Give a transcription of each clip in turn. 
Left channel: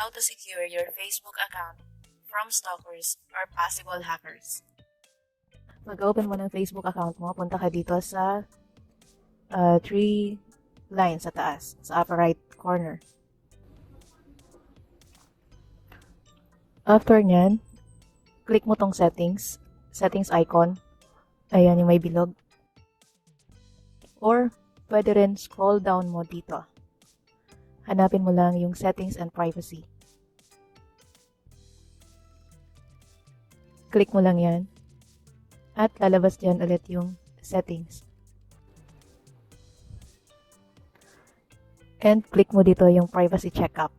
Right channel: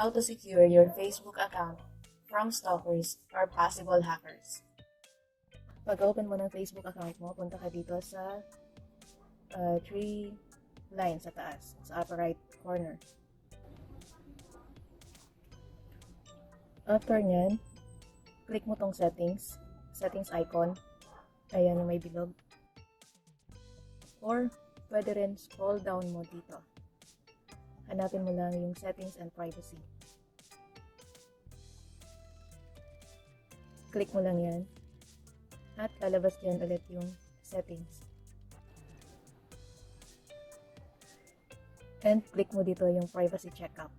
How to secure your Facebook account from stalkers or possible hackers. Mag-open mo ng Facebook account mo, punta ka dito sa three lines sa taas, sa upper right corner. After nyan, click mo tong settings icon. Ayan yung may bilog. Or, pwede rin scroll down mo dito. Hanapin mo lang yung settings and privacy. Click mo lang yan. At lalabas dyan ulit yung settings. And click mo dito yung privacy checkup.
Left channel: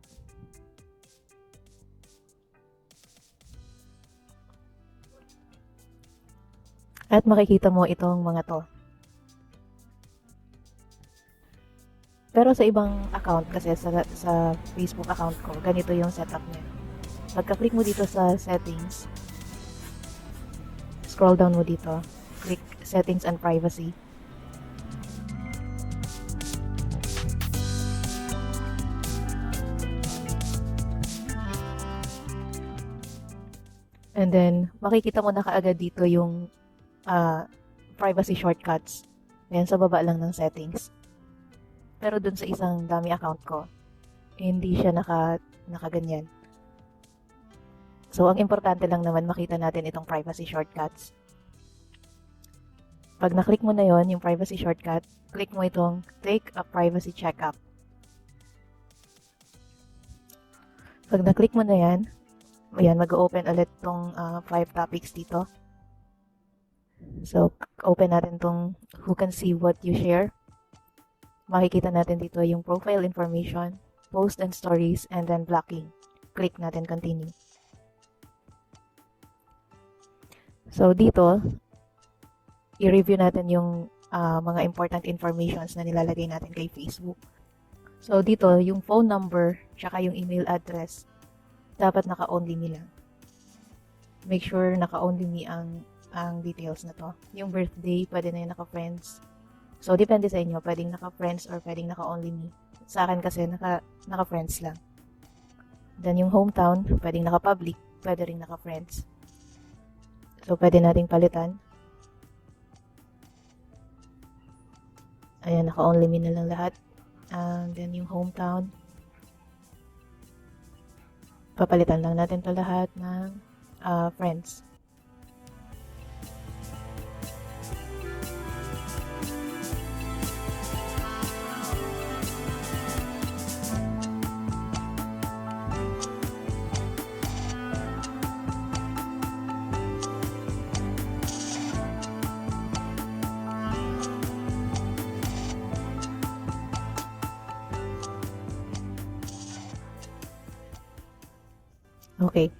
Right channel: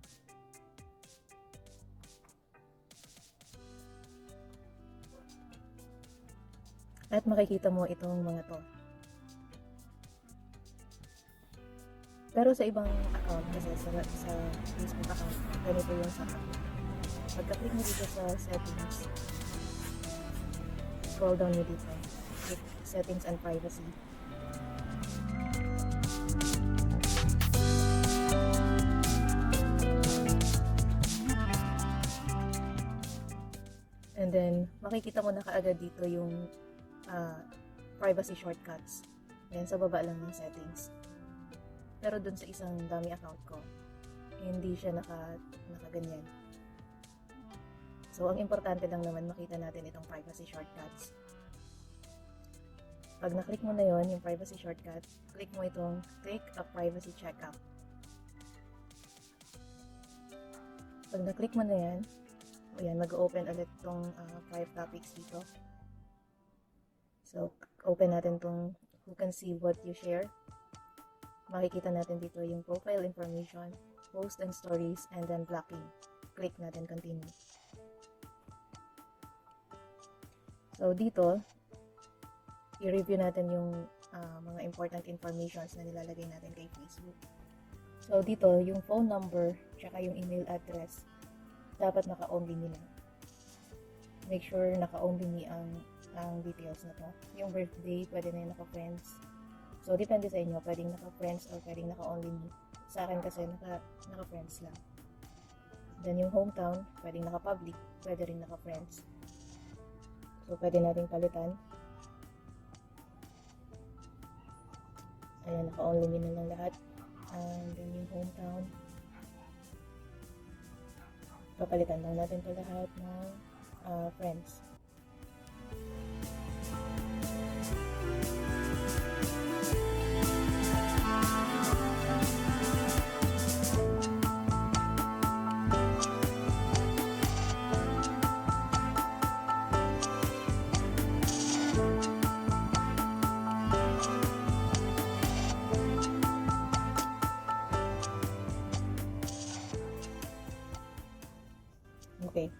At makikita mo itong mga to. Pero sa ibang account kasi sa Facebook account ko, ganito yung setup niya. Pagka-click mo dito sa settings, scroll down mo dito, click settings and privacy. And then, makikita mo na kaagad dito yung privacy shortcuts. Ayan, sa baba lang ng settings. Pero dun sa isang dummy account ko, hindi siya nakaganyan. So, ang importante lang naman makita natin itong privacy shortcuts. Pag na-click mo na yon yung privacy shortcut, click mo itong take a privacy checkup. Pag na-click mo na yan, ayan, mag-open ulit itong 5 topics dito. So, open natin itong who can see what you share. Makikita natin dito yung profile information, post and stories, and then blocking. Click natin continue. So, dito, i-review natin yung mga important informations na nilalagay natin kay Facebook. So, dito, yung phone number, tsaka yung email address, dapat naka-only me lang. Make sure naka-only me ang details na to. Yung birthday, pwede na yung naka-friends. So, depende sa inyo, pwedeng naka-friends or pwedeng naka-only me. Sa akin kasi, naka-friends lang. Then, yung hometown, pwedeng naka-public, pwede rin naka-friends. So, pwede nating palitan. Ayan, naka-only me na lang lahat. Then, yung hometown, papalitan lang natin to lahat ng friends. Okay.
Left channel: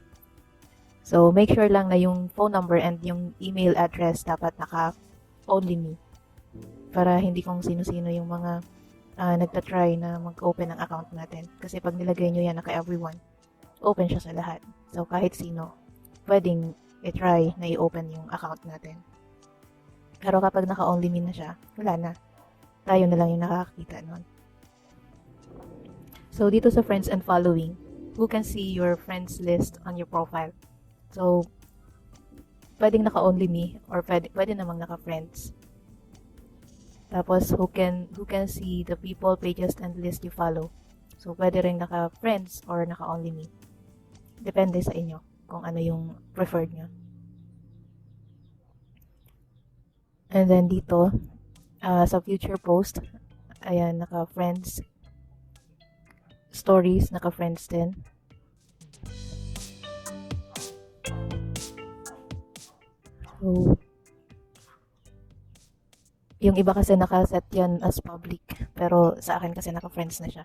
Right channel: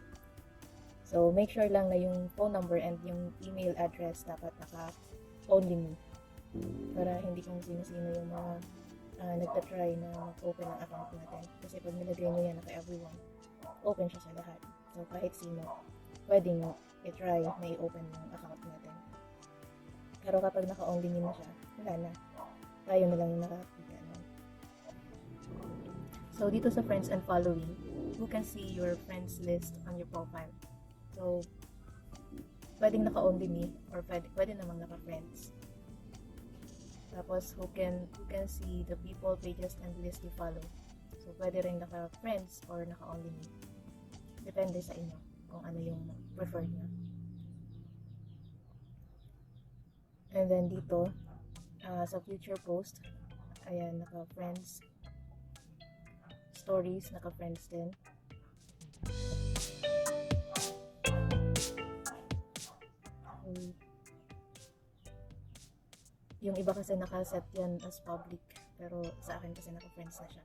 So, make sure lang na yung phone number and yung email address dapat naka-only me. Para hindi kung sino-sino yung mga nagtatry na mag-open ng account natin. Kasi pag nilagay nyo yan naka-everyone, open siya sa lahat. So, kahit sino, pwedeng i-try na i-open yung account natin. Pero kapag naka-only me na siya, wala na. Tayo na lang yung nakakakita nun. So, dito sa friends and following, who can see your friends list on your profile. So, pwedeng naka-only me or pwede namang naka-friends. Tapos, who can see the people, pages, and list you follow. So, pwede rin naka-friends or naka-only me. Depende sa inyo kung ano yung preferred nyo. And then dito, sa future post, ayan, naka-friends, stories, naka-friends din. So, yung iba kasi naka-set yan as public. Pero sa akin kasi naka-friends na siya.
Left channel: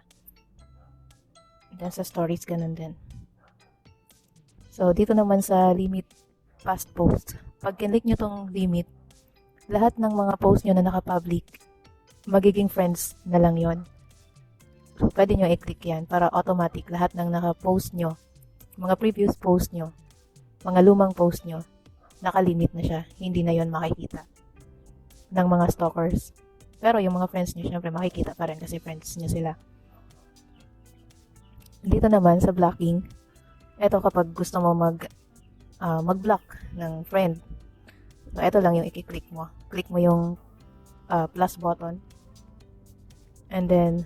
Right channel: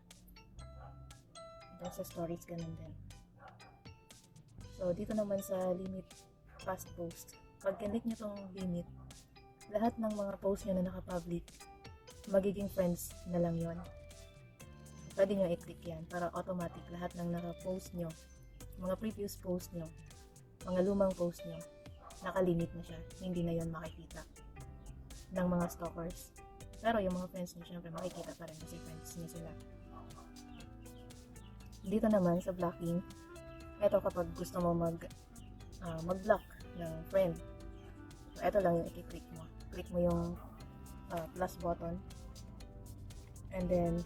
Then sa stories, ganun din. So, dito naman sa limit past post. Pag kinlik nyo tong limit, lahat ng mga post nyo na naka-public, magiging friends na lang yon. So, pwede nyo i-click yan para automatic lahat ng naka-post nyo, mga previous post nyo, mga lumang post nyo, naka-limit na siya. Hindi na yon makikita ng mga stalkers. Pero yung mga friends nyo, syempre makikita pa rin kasi friends nyo sila. Dito naman sa blocking, ito kapag gusto mo mag-block ng friend. So, ito lang yung i-click mo. Click mo yung plus button. And then,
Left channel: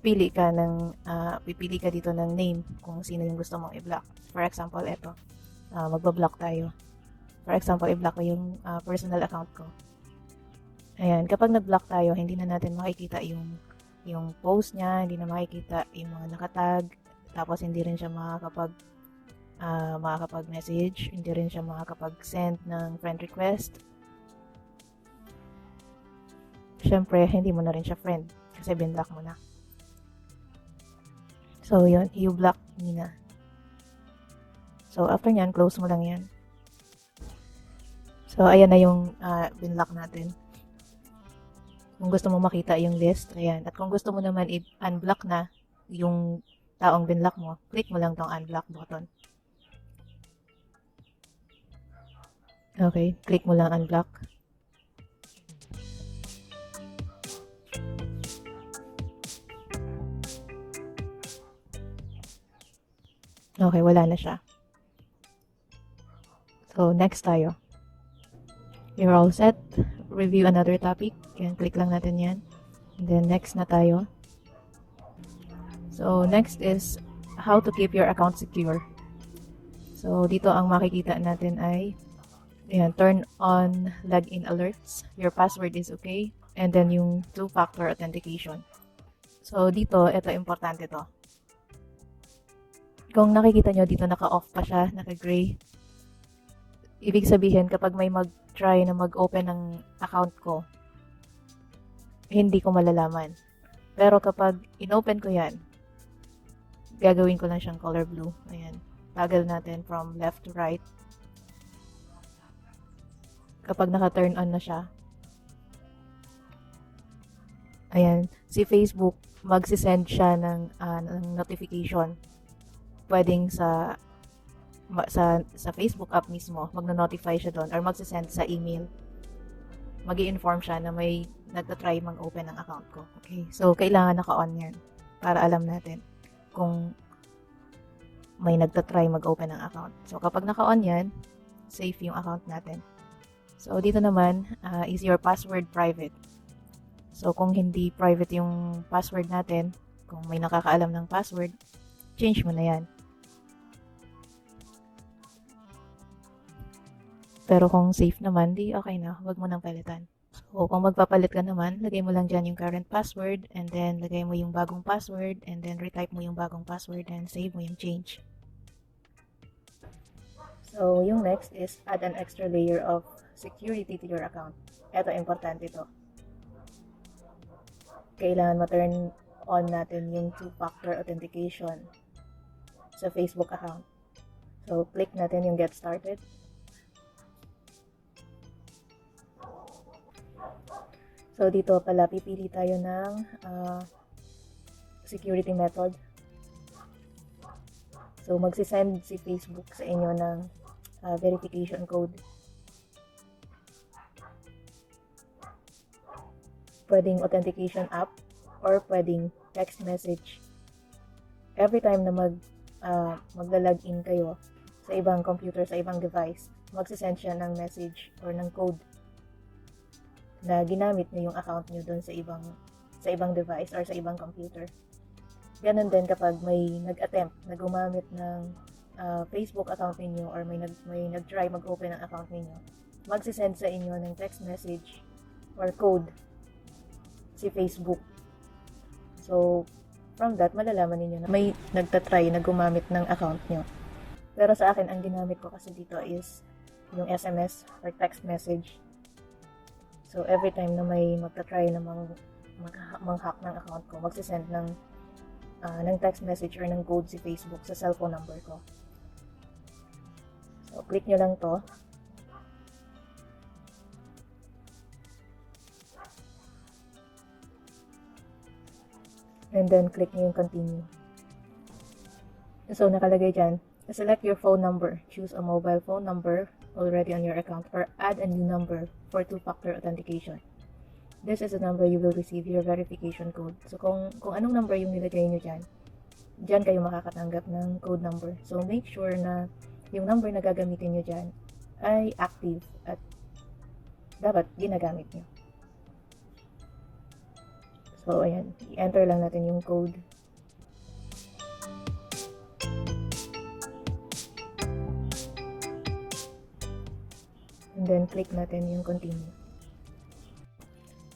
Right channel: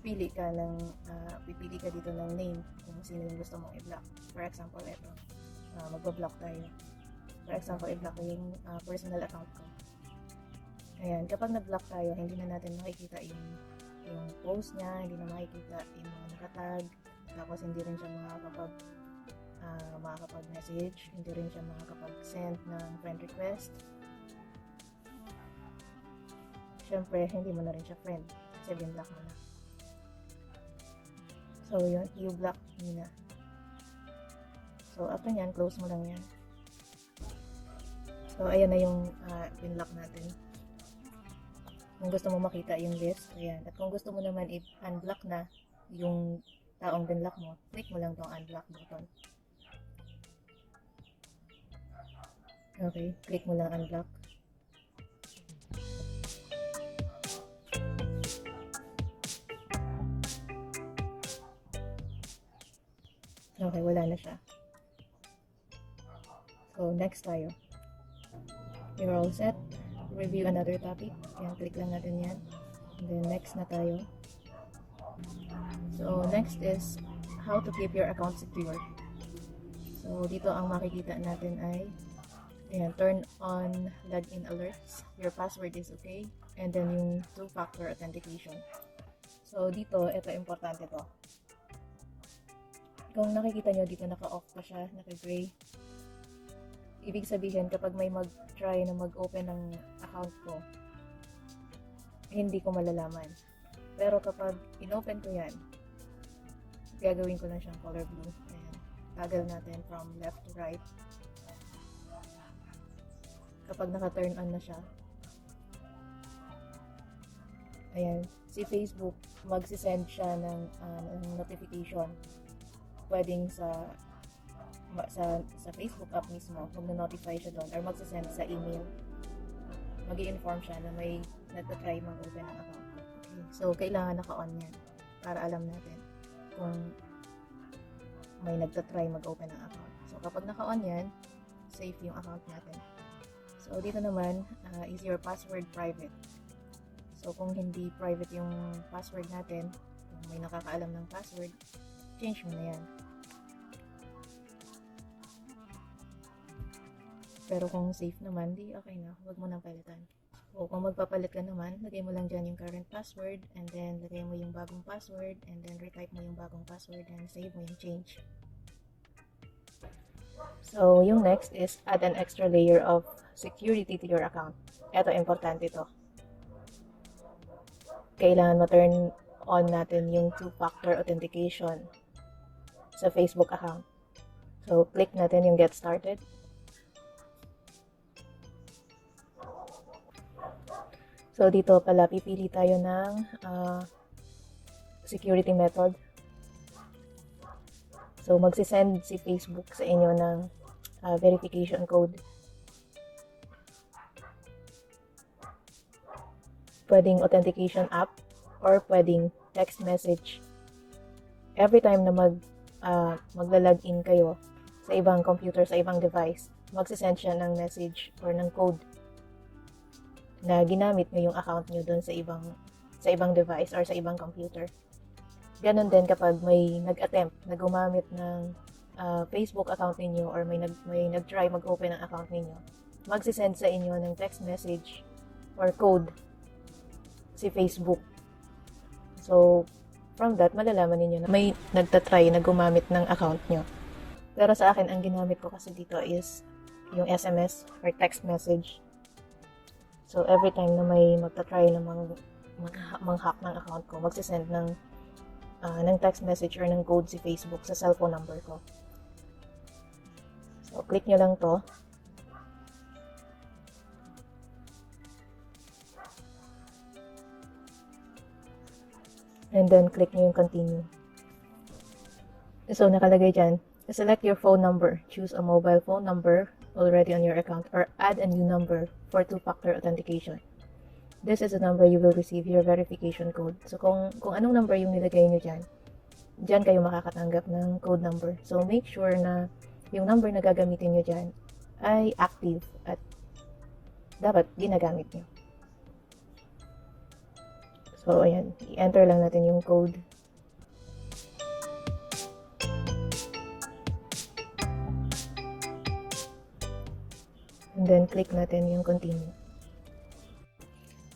pipili ka dito ng name kung sino yung gusto mong i-block. For example, ito. Magba-block tayo. For example, i-block ko yung personal account ko. Ayan, kapag nag-block tayo, hindi na natin makikita yung post niya, hindi na makikita yung mga nakatag, tapos hindi rin siya makakapag-message, hindi rin siya makakapag-send ng friend request. Siyempre, hindi mo na rin siya friend kasi binlock mo na. So, yun, you-block niya. So, after nyan, close mo lang yan. So, ayan na yung binlock natin. Kung gusto mo makita yung list, ayan. At kung gusto mo naman i-unblock na yung taong binlock mo, click mo lang tong unblock button. Okay, click mo lang unblock. Okay, wala na siya. So, next tayo. You're all set. Review another topic. Yan, click lang natin yan. And then, next na tayo. So, next is how to keep your account secure. So, dito ang makikita natin ay ayan, turn on login alerts. Your password is okay. And then, yung two-factor authentication. So, dito, ito importante to. Kung nakikita nyo, dito naka-off pa siya, naka-gray. Ibig sabihin, kapag may mag-try na mag-open ng account ko, hindi ko malalaman. Pero kapag in-open ko yan, gagawin ko lang siyang color blue. Ayan. Toggle natin from left to right. Kapag naka-turn on na siya, ayan, si Facebook, magsisend siya ng notification. Pwedeng sa Facebook app mismo, magno-notify siya doon or magsisend sa email. Magi-inform siya na may nagtatry mag-open ng account ko. Okay. So, kailangan naka-on yan para alam natin kung may nagtatry mag-open ng account. So, kapag naka-on yan, safe yung account natin. So, dito naman, is your password private? So, kung hindi private yung password natin, kung may nakakaalam ng password, change mo na yan. Pero kung safe naman, di okay na. Huwag mo nang palitan. So, kung magpapalit ka naman, lagay mo lang dyan yung current password and then lagay mo yung bagong password and then retype mo yung bagong password and save mo yung change. So, yung next is add an extra layer of security to your account. Ito, importante ito. Kailangan ma-turn on natin yung two-factor authentication sa Facebook account. So, click natin yung get started. So, dito pala, pipili tayo ng security method. So, magsisend si Facebook sa inyo ng verification code. Pwedeng authentication app or pwedeng text message. Every time na magla-login kayo sa ibang computer, sa ibang device, magsisend siya ng message or ng code na ginamit nyo yung account nyo dun sa ibang device or sa ibang computer. Ganon din kapag may nag-attempt na gumamit ng Facebook account ninyo or may nag-try mag-open ng account ninyo, magsisend sa inyo ng text message or code si Facebook. So, from that, malalaman ninyo na may nagtatry na gumamit ng account nyo. Pero sa akin, ang ginamit ko kasi dito is yung SMS or text message. So, every time na may magta-try na mang-hack ng account ko, magsisend ng text message or ng code si Facebook sa cellphone number ko. So, click nyo lang to. And then, click nyo yung continue. So, nakalagay dyan, select your phone number. Choose a mobile phone number already on your account or add a new number for two-factor authentication. this is the number you will receive your verification code. So, kung anong number yung nilagay nyo dyan kayo makakatanggap ng code number. So, make sure na yung number na gagamitin nyo dyan ay active at dapat ginagamit nyo. So, ayan. I-enter lang natin yung code. And then, click natin yung continue.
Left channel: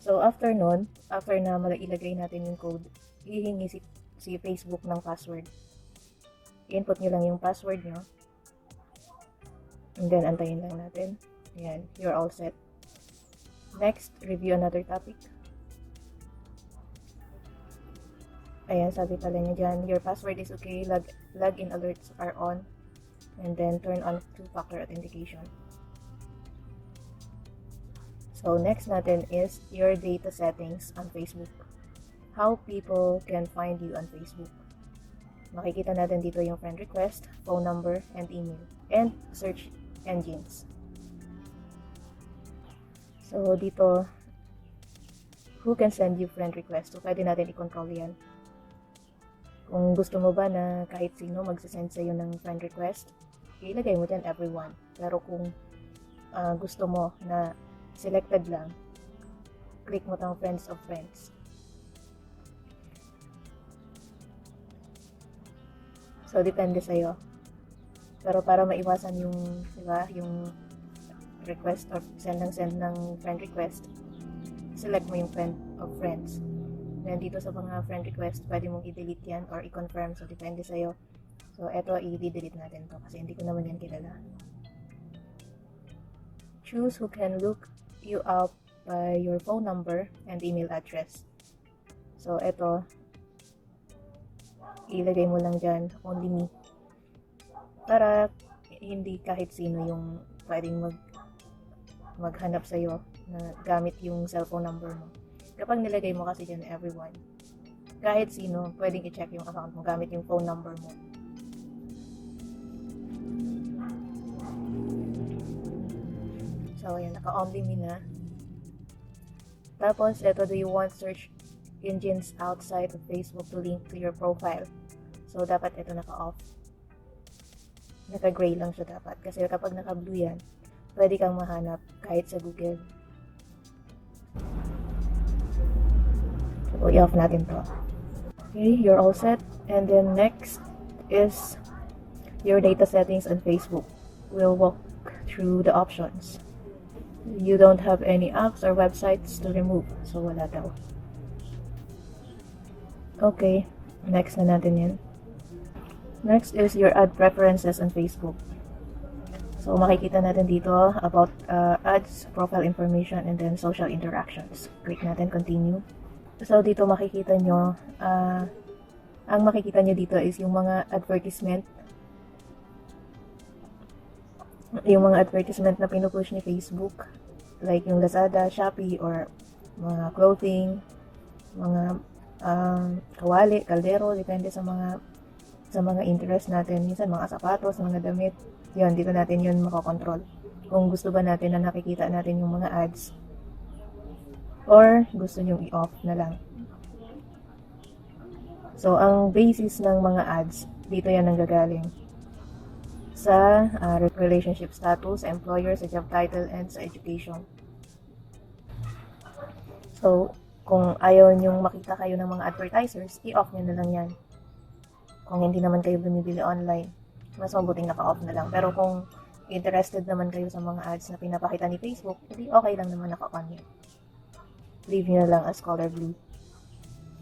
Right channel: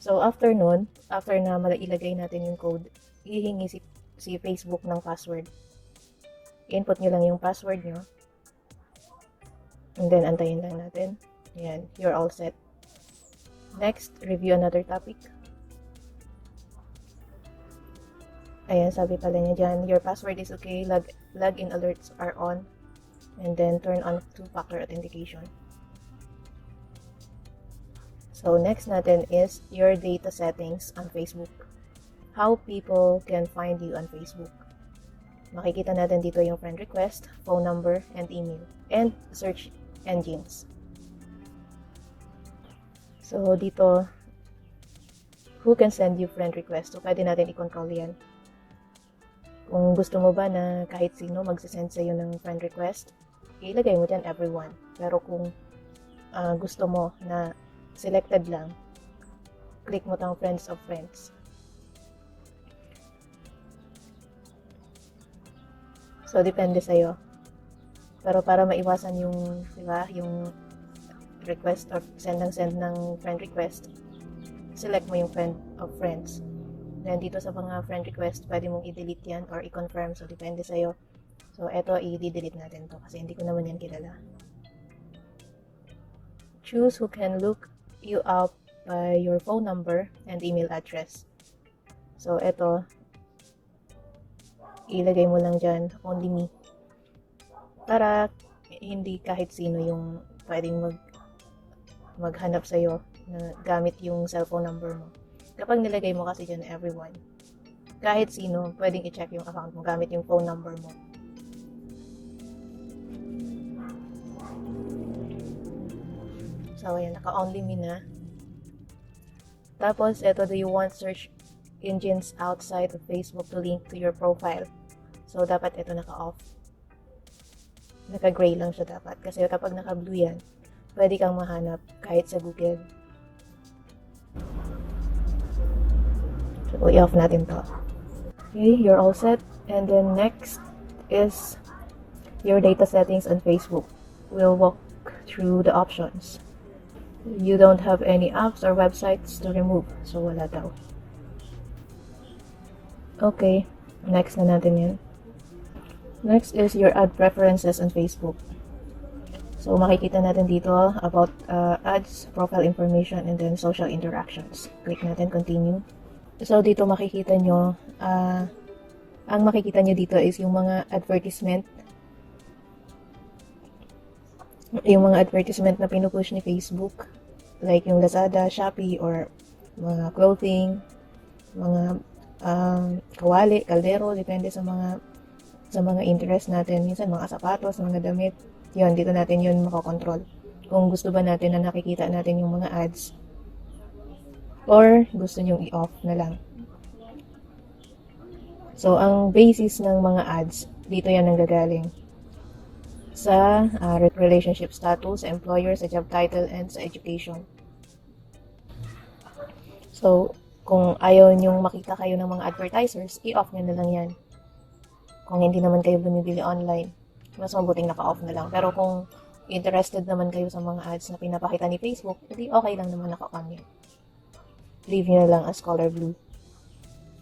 So, after nun, after na ilagay natin yung code, hihingi si Facebook ng password. Input nyo lang yung password nyo. And then, antayin lang natin. Ayan, you're all set. Next, review another topic. Ayan, sabi pala niya dyan, your password is okay, login alerts are on, and then turn on two-factor authentication. So, next natin is your data settings on Facebook. How people can find you on Facebook. Makikita natin dito yung friend request, phone number, and email, and search engines. So, dito, who can send you friend request? So, pwede natin i-control yan. Kung gusto mo ba na kahit sino magsasend sa'yo ng friend request, ilagay mo dyan everyone. Pero kung gusto mo na selected lang, click mo tang friends of friends. So, depende sa'yo. Pero para maiwasan yung, diba, yung request or send ng friend request, select mo yung friend of friends. Then, dito sa mga friend request, pwede mong i-delete yan or i-confirm. So, depende sa'yo. So, eto, i-delete natin to kasi hindi ko naman yan kilala. Choose who can look you up by your phone number and email address. So, eto, ilagay mo lang dyan, only me. Para hindi kahit sino yung pwedeng maghanap sa'yo na gamit yung cellphone number mo. Kapag nilagay mo kasi dyan everyone, kahit sino, pwedeng i-check yung account mo gamit yung phone number mo. So, ayan, naka-only me na. Tapos, eto, do you want search engines outside of Facebook to link to your profile? So, dapat ito naka-off. Naka-gray lang siya dapat. Kasi kapag naka-blue yan, pwede kang mahanap kahit sa Google. So, i-off natin to. Okay, you're all set. And then next is your data settings on Facebook. We'll walk through the options. You don't have any apps or websites to remove. So, wala daw. Okay, next na natin yun. Next is your ad preferences on Facebook. So, makikita natin dito about ads, profile information, and then social interactions. Click natin, continue. So, dito makikita nyo, ang makikita nyo dito is yung mga advertisement. Yung mga advertisement na pinupush ni Facebook. Like yung Lazada, Shopee, or mga clothing, mga kawali, kaldero, depende sa mga interest natin. Minsan mga sapatos, mga damit. Yun, dito natin yun makokontrol. Kung gusto ba natin na nakikita natin yung mga ads. Or gusto nyong i-off na lang. So, ang basis ng mga ads, dito yan nanggagaling. Sa relationship status, sa employer, sa job title, and sa education. So, kung ayaw nyong makita kayo ng mga advertisers, i-off nyo na lang yan. Kung hindi naman kayo bumibili online, mas mabuting naka-off na lang. Pero kung interested naman kayo sa mga ads na pinapakita ni Facebook, hindi okay lang naman naka-on yun. Leave nyo na lang as color blue.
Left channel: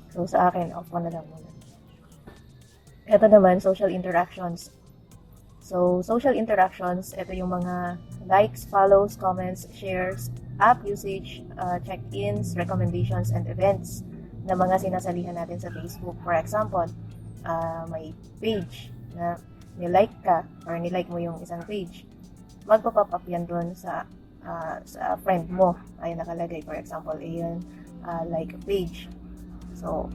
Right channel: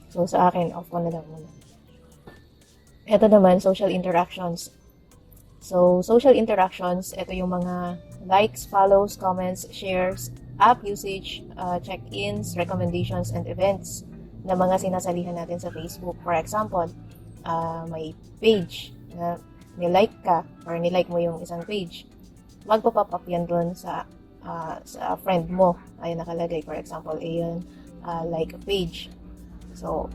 So, sa akin, off ko na lang muna. Ito naman, social interactions. So, social interactions, ito yung mga likes, follows, comments, shares, app usage, check-ins, recommendations, and events na mga sinasalihan natin sa Facebook. For example, may page na nilike ka or nilike mo yung isang page. Magpa-pop up yan doon sa friend mo. Ay nakalagay, for example, ayan, like a page. So,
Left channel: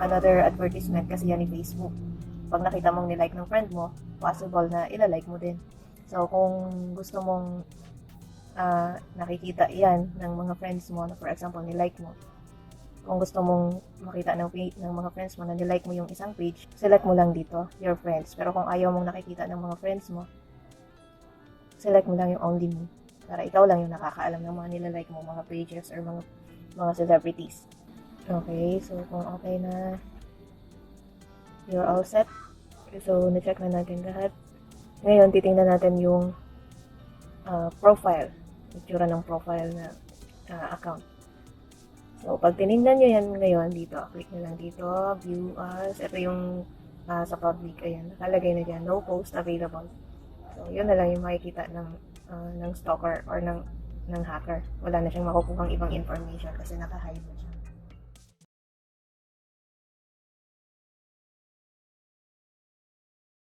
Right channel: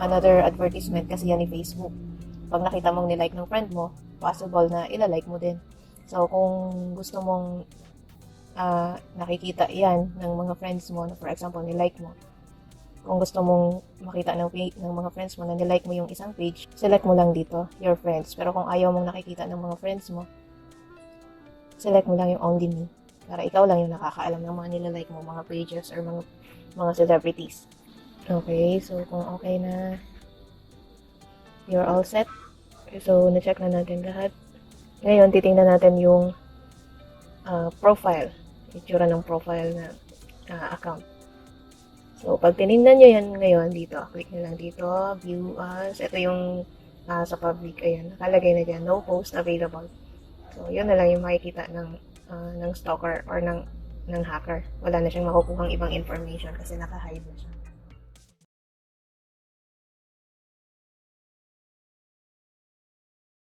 another advertisement kasi yan ni Facebook. Pag nakita mong nilike ng friend mo, possible na ilalike mo din. So, kung gusto mong nakikita yan ng mga friends mo. For example, nilike mo. Kung gusto mong makita ng mga friends mo na nilike mo yung isang page, select mo lang dito, your friends. Pero kung ayaw mong nakikita ng mga friends mo, select mo lang yung only me. Para ikaw lang yung nakakaalam ng mga nilalike mo, mga pages or mga celebrities. Okay, so kung okay na, you're all set. So, na-check na natin lahat. Ngayon, titingnan natin yung profile. Itsura ng profile na account. So, pag tinignan nyo yan ngayon dito, click nyo lang dito, view as. Ito yung sa public. Ayan, nakalagay na dyan, no post available. So, yun na lang yung makikita ng stalker or ng hacker. Wala na siyang makukuhang ibang information kasi naka-hide na siya.